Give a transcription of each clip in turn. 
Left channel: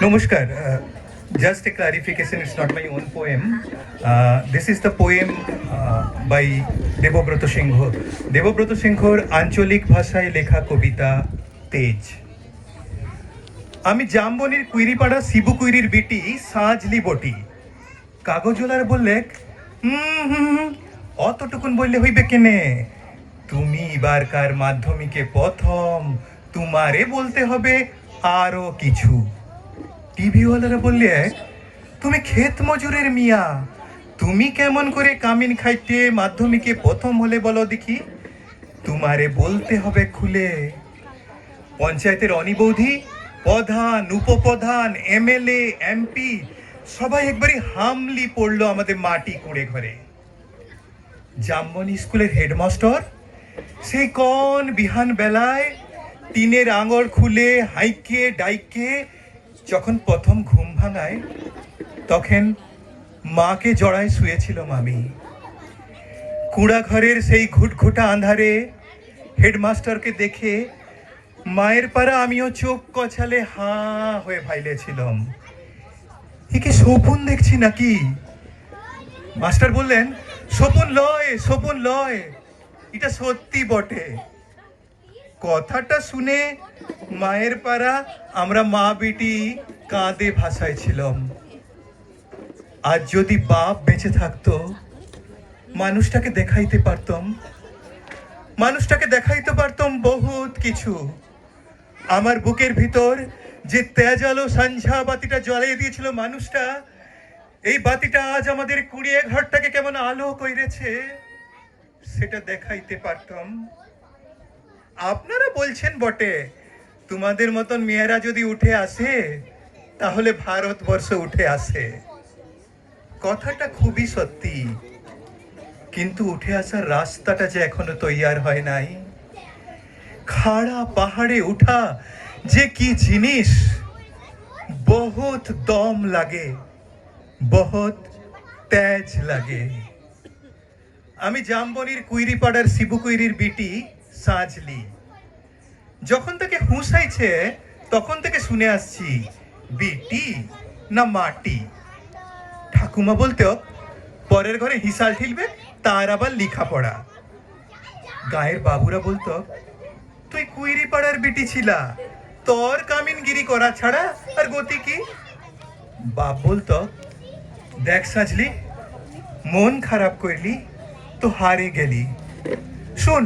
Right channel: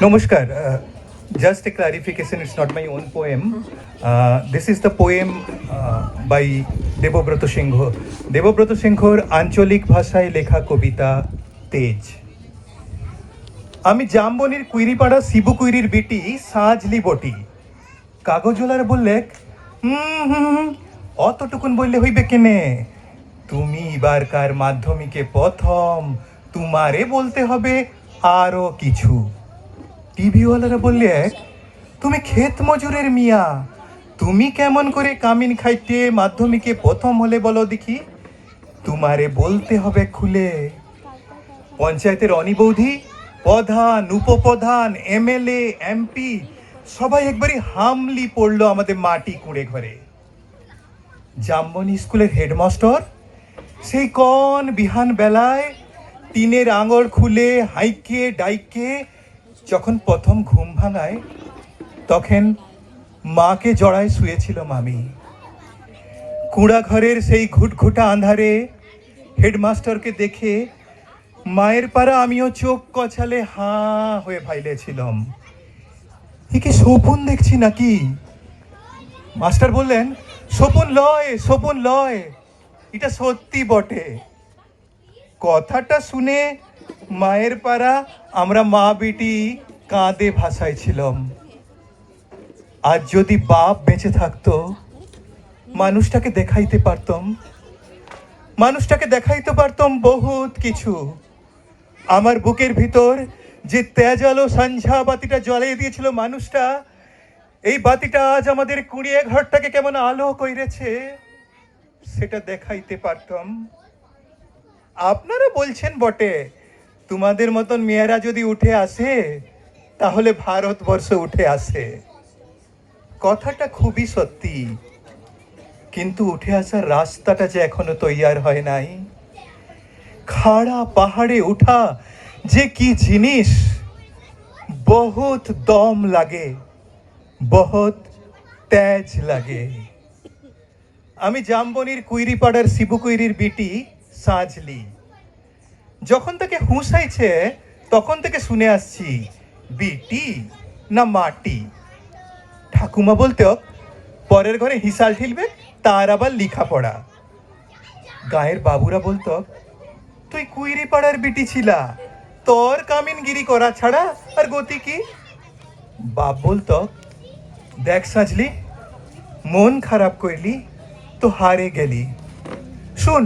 Namaskar. Just a clarification, it's not my own poem. This is the poem by Debobroto Singho. Debobroto Singhor আঞ্চলিক ভাষায় লেখা কবিতা তেজ। আমি জামবনির কুইরিপাড়া শিবু কুইরির বিটি সাজলি বটি। কাগজওয়ালার বললে অতটুকুন বললে হইবে কেনে, তুমি এবারকার মাধ্যমিকে প্রথম, তোমারে বলতে হবে আরো কিছু। টিভিওয়ালারা বললে তুমি ক্ষেত মজুরের মিয়া, তুমি কেমন করে কামিন খাইতে মাধ্যমিকে প্রথম হলে বলো দেখি, তোমারে বলতে হবে খুলে। পঞ্চায়েতের অনিবৌধি, প্রধান, উপপ্রধান, এমএলএ, এমপি সবাই একবারই হামলি পড়লো আমাদের মাটি কুড়ে ঘরে। জামবনি স্কুলের হেডমাস্টার সেই কোন বিহান বেলায় টিনের আঙড় খুলে হাইকে ডাইকে যখন প্রথম ঘুম ভাঙায়, তখন মাকে জড়ায় শুয়েছিলাম আমি। কুড়া ঘরের সেই ঘুটঘুটা আঁধারে হেডমাস্টারকে দেখে মায়ের পাড়া আমিও চোখ কছালে হাঁ হয়ে ভাইলেছিলাম, একে স্বপন দেখছি নাকি। মাস্টার বললেন স্বপন লয়, স্বপন লয়, এটা সত্যি বটে। কথাটা শুনে মায়ের পাড়া আমরা মা বেটি কাঁদে ভাষায় ছিলাম। আজ যদি বাপ বেঁচে থাকতো, মানুষটাকে দেখাইতে পারতাম, মানুষটাকে দেখাইতে পারতাম বহুত কিছু। আমার বুকের ভিতর যে তেজালো সন্ধ্যা বাতিটা জ্বালিয়ে দিয়েছিল মানুষটা, এই বাতিটা আজ আমাদের কুড়িয়ে ঘরটাকে কেমন আলো কইরেছে সেটা দেখাইতে পারতাম। আপনারা বলছেন বটে তোমাদের মতন মেয়েরা যদি উঠে আসে তাহলে ভারতবর্ষ উঠে আসে। কথাটা খুবই সত্যি, কিন্তু উঠে আসার রাস্তাটা যে এখনো তৈয়ার হয় নাই। খাড়া পাহাড়ে উঠা যে কি জিনিস, বহুত দম লাগে, বহুত তেজ লাগে। আমি জামবনির কুইরিপাড়ার শিবু কুইরির বিটি সাজলি। যখন তাকে হুঁশ আইছে তখন থেকে শুনে আসছি বিটি না মাটি। ঠাকুমা বলতো পরের ঘরে হিসাল ঠিলবে, তার আবার লেখাপড়া। গায়ের বাবুরা বলতো তুই কুইরি পাড়ার বিটি ছিলা, তোর কামিনগিরি করা ছাড়া আর গতি কি। বাপ বলতো দেখ সাজলি, মন খারাপ করলি তো হারে গেলি। শুন,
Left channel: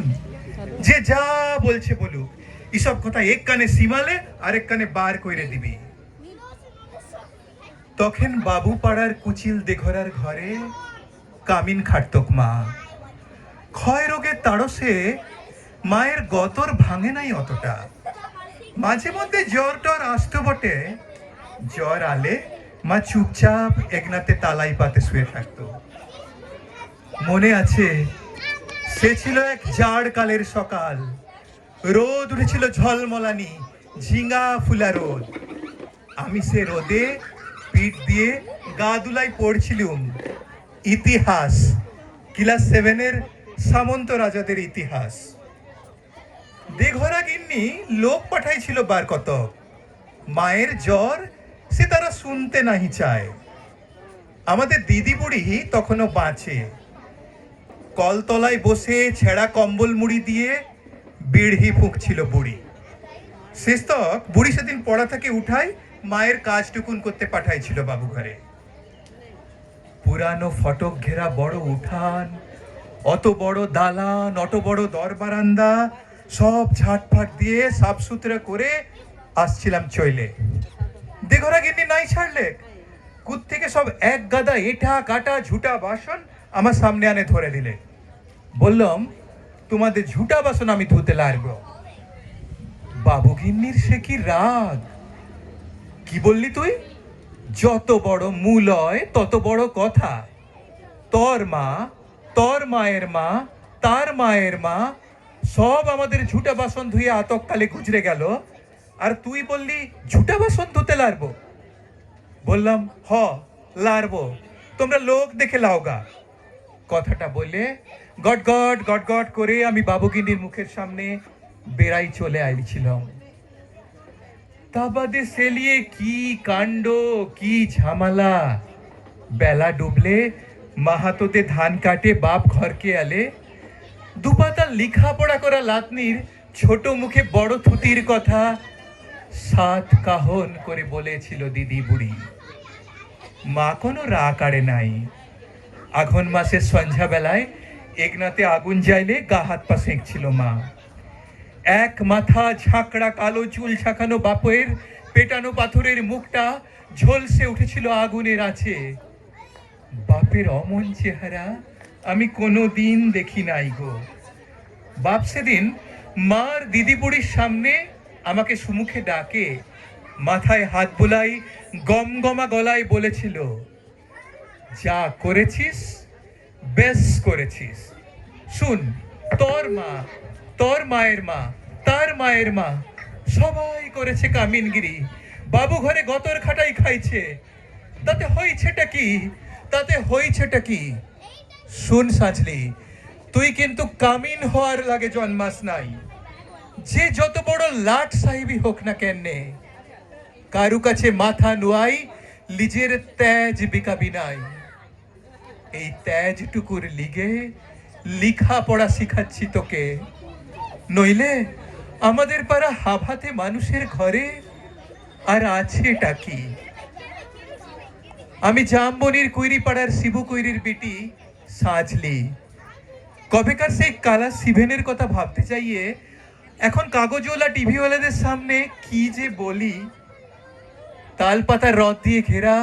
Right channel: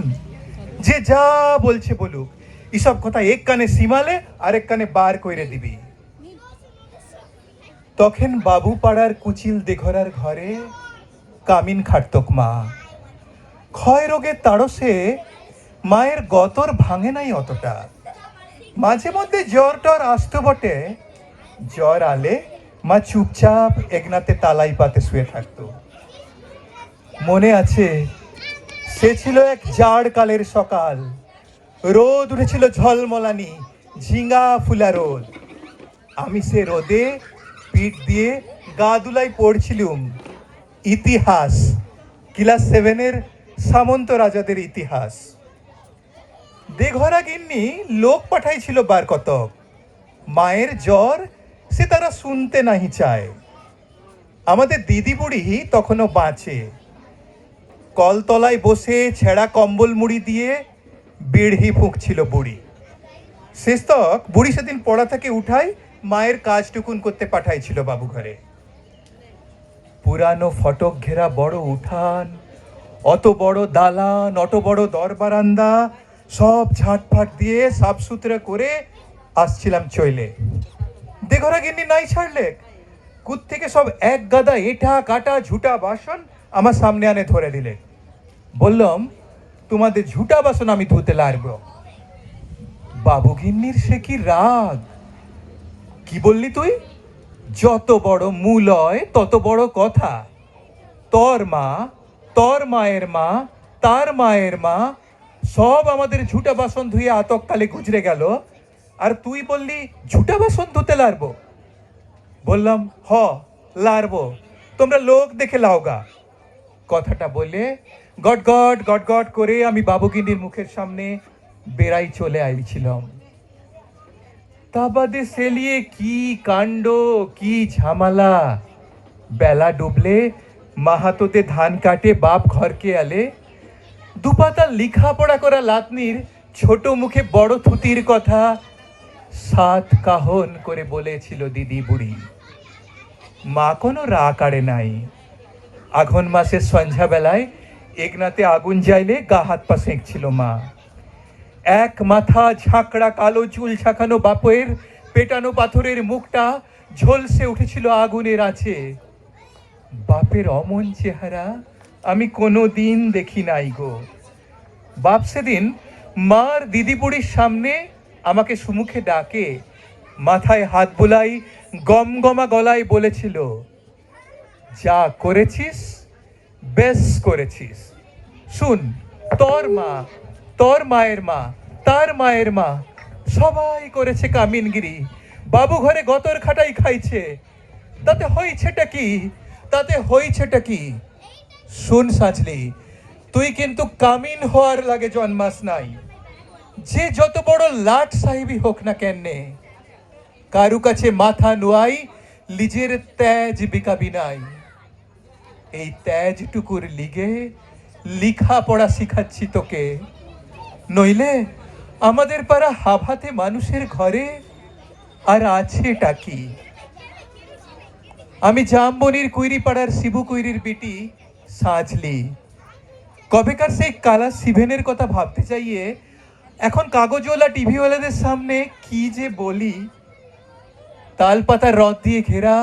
যে যা বলছে বলুক, এসব কথা এক কানে সীমালে আরেক কানে বার কইরে দিবি। তখন বাবু পাড়ার কুচিল দেঘরার ঘরে কামিন খাটতক মা। ক্ষয় রোগের তাড়সে মায়ের গতর ভাঙে নাই অতটা। মাঝে মধ্যে জ্বর টর আসতো বটে, জ্বর আলে মা চুপচাপ একনাতে তালাই পাতে শুয়ে থাকতো। মনে আছে সে ছিল এক জাড় কালের সকাল, রোদ উঠেছিল ঝলমলানি, ঝিঙ্গা ফুলা রোদ। আমি সে রোদে পিঠ দিয়ে গা দুলাই পড়ছিলুম ইতিহাস, ক্লাস 7-এর সামন্ত রাজাদের ইতিহাস। দেঘরা গিন্নি লোক পাঠাইছিল বার কতক, মায়ের জ্বর সে তারা শুনতে নাহি চায়। আমাদের দিদি বুড়ি তখনও বাঁচে। কলতলায় বসে ছেঁড়া কম্বল মুড়ি দিয়ে বিড়হি ফুঁকছিল বুড়ি। শেষ তক বুড়ি সেদিন পড়া থেকে উঠাই মায়ের কাজটুকুন করতে পাঠাইছিল বাবু ঘরে। পুরানো ফটক ঘেরা বড় উঠান, অত বড় দালান, অত বড় দরবারান্দা সব ঝাঁটফাট দিয়ে সাফ সুতরা করে আসছিলাম চইলে। দেঘরা গিন্নি নাই ছাড়লে, কুত থেকে সব এক গাদা এঠা কাটা ঝুটা বাসন আমার সামনে আনে ধরে দিলে। বললাম তোমাদের ঝুটা বাসন আমি ধুতে লাগবো। বাবু গিন্নির সে কি রাগ, কি বললি তুই, যত বড় মূলয় তত বড় কথা। তোর মা, তোর মায়ের মা, তার মায়ের মা সব আমাদের ঝুটা বাসন ধুয়ে আতককালে গুজরে গেল, আর তুই বললি ঝুটা বাসন ধুতে লারবো। বললাম হ লারবো, তোমরা লোক দেখে লাওগা। কথাটা বলে গটগট গটগট করে আমি বাবুগিন্নির মুখের সামনে বেড়াই চলে আইছিলাম। তা বাদে সেলিয়ে কি কাণ্ড, কি ঝামেলা। বেলা ডুবলে মাহাতোতে ধান কাটে বাপ ঘরকে আলে, দুপাতা লেখাপড়া করা লাতনির ছোট মুখে বড় থুতির কথা সাত কাহন করে বলেছিল দিদি বুড়ি। মা কোনো রা কাড়ে নাই। আঘন মাসের সন্ধ্যা বেলায় এগনাতে আগুন জ্বাইলে গা হাত পা সেঁকছিল মা। এক মাথা ঝাঁকড়া কালো চুল ছাকানো বাপের পেটানো পাথরের মুখটা ঝলসে উঠেছিল আগুনের আছে। বাপের অমন চেহারা আমি কোনো দিন দেখি নাই গো। বাপ সেদিন মার দিদি বুড়ির সামনে আমাকে সুমুখে ডাকে, মাথায় হাত বুলাই গমগমা গলায় বলেছিল, যা করেছিস বেশ করেছিস। শুন, তোর মা, তোর মায়ের মা, তার মায়ের মা সবাই করেছে কামিনগিরি, বাবু ঘরে গতর খাটাই খাইছে, তাতে হইছেটা কি, তাতে হইছেটা কি? শুন সাজলি, তুই কিন্তু কামিন হওয়ার লাগে জন্মাস নাই। যে যত বড় লাট সাহেবই হোক না কেনে, কারু কাছে মাথা নোয়াই লিজের তেজ বিকাবি নাই। এই তেজটুকুর লিগে লিখা পড়া শিখাচ্ছি তোকে, নইলে আমাদের পাড়া হাভাতে মানুষের ঘরে আর আছেটা কি? আমি জামবনির কুইরি পাড়ার শিবু কুইরির বিটি সাজলি। কবেকার সেই কালা সিভেনের কথা ভাবতে চাইয়ে এখন কাগজওয়ালা টিভিওয়ালাদের সামনে কি যে বলি। তাল পাতার রদ দিয়ে ঘেরা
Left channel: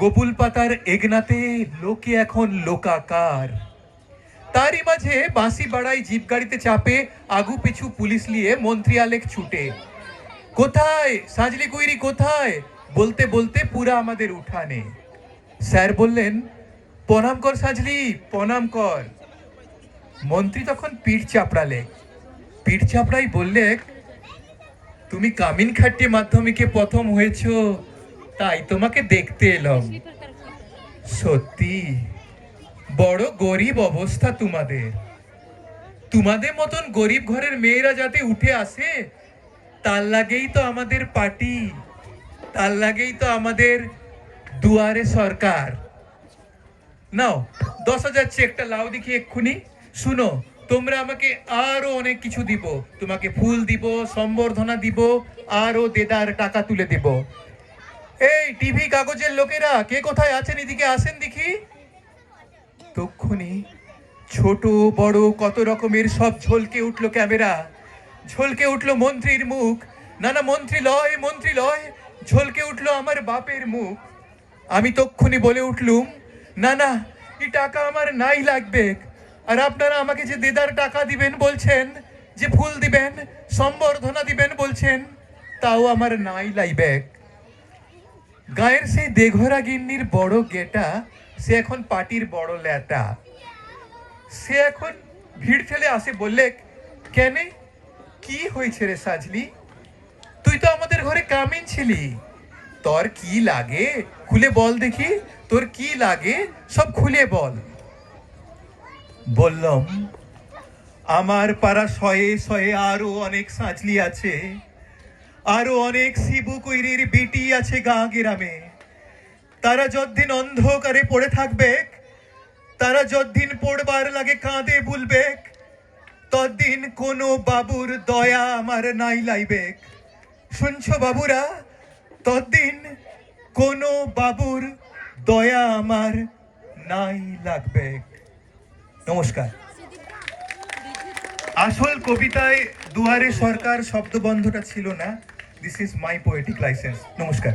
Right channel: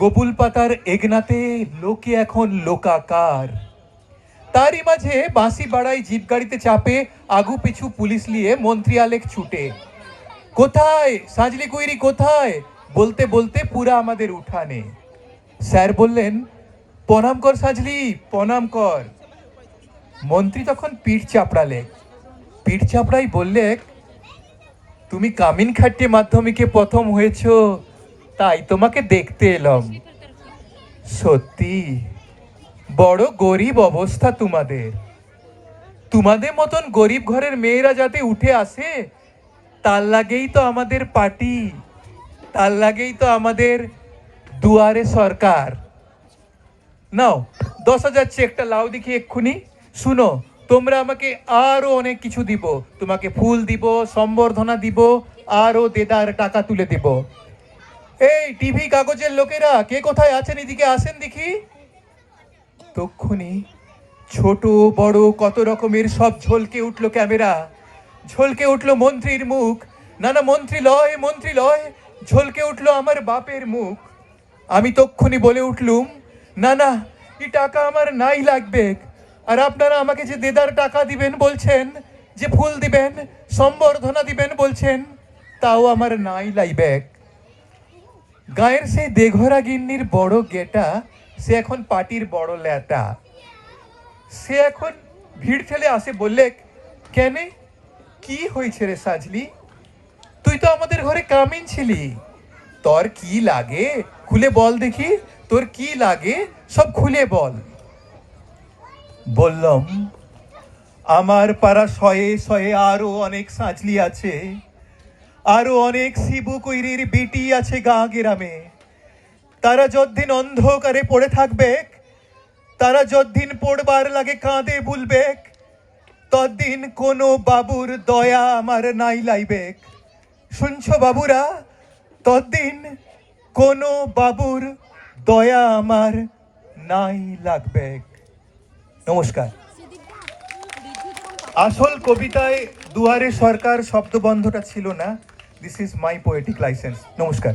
গোপুল পাতার এগনাতে লোকে এখন লোকাকার। তারই মাঝে বাঁশি বাড়াই জিপ গাড়িতে চাপে আগু পিছু পুলিশ নিয়ে মন্ত্রী আলেক ছুটে। কোথায় সাজলি কুইরি কোথায় বলতে বলতে পুরা আমাদের উঠানে। স্যার বললেন, প্রণাম কর সাজলি, প্রণাম কর। মন্ত্রী তখন পিঠ চাপড়ালে। পিঠ চাপড়াই বললে, তুমি কামিন খাট্টি মাধ্যমিকে প্রথম হয়েছ, তাই তোমাকে দেখতে এলাম। সত্যি বড় গরিব অবস্থা তোমাদের। তোমাদের মতন গরিব ঘরের মেয়েরা যাতে উঠে আসে, তার লাগেই তো আমাদের পার্টি, তার লাগেই তো আমাদের দুয়ারে সরকার। নাও 10,000 চেকটা লাও দেখি এক্ষুনি। শুনো, তোমরা আমাকে আরো অনেক কিছু দিব, তোমাকে ফুল দিব, সম্বর্ধনা দিব, আরো দেদার টাকা তুলে দিব। এই টিভি কাগজের লোকেরা কে কোথায় আছেন, এদিকে আসেন দেখি। তক্ষুনি ছোট বড় কত রকমের সব ঝলকে উঠলো ক্যামেরা, ঝলকে উঠলো মন্ত্রীর মুখ। না না, মন্ত্রী লয়, মন্ত্রী লয়, ঝলকে উঠলো আমার বাপের মুখ। আমি তক্ষুনি বলে উঠলুম, না না, এই টাকা আমার নাই লাগবে। আর আপনারা আমাকে যে দেদার টাকা দিবেন বলছেন, যে ফুল দিবেন, সম্বর্ধনা দিবেন বলছেন, তাও আমার নাই লাগবে। গায়ের সেই দেঘরা গিন্নির বড় গেটা, সে এখন পার্টির বড় ল্যাটা। সে এখন ভিড় ঠেলে আসে বললে, কেনে কি হয়েছে রে সাজলি, তুই তো আমাদের ঘরে কামিন ছিলি, তোর কি লাগে খুলে বল দেখি, তোর কি লাগে সব খুলে বল। বললাম, আমার পাড়া শয়ে শয়ে আরো অনেক সাজলি আছে, আরো অনেক শিবু কৈরির বিটি আছে গাঁ গ্রামে। তারা যতদিন অন্ধকারে পড়ে থাকবে, তারা যতদিন পড়বার লাগে কাঁদে বুলবে, ততদিন কোনো বাবুর দয়া আমার নাই লাইবে। শুনছো বাবুরা, ততদিন কোনো বাবুর দয়া আমার নাই লাগবে। নমস্কার। আসল কবিতায় দুয়ারে সরকার শব্দবন্ধটা ছিল না। This is my poetic licence. নমস্কার।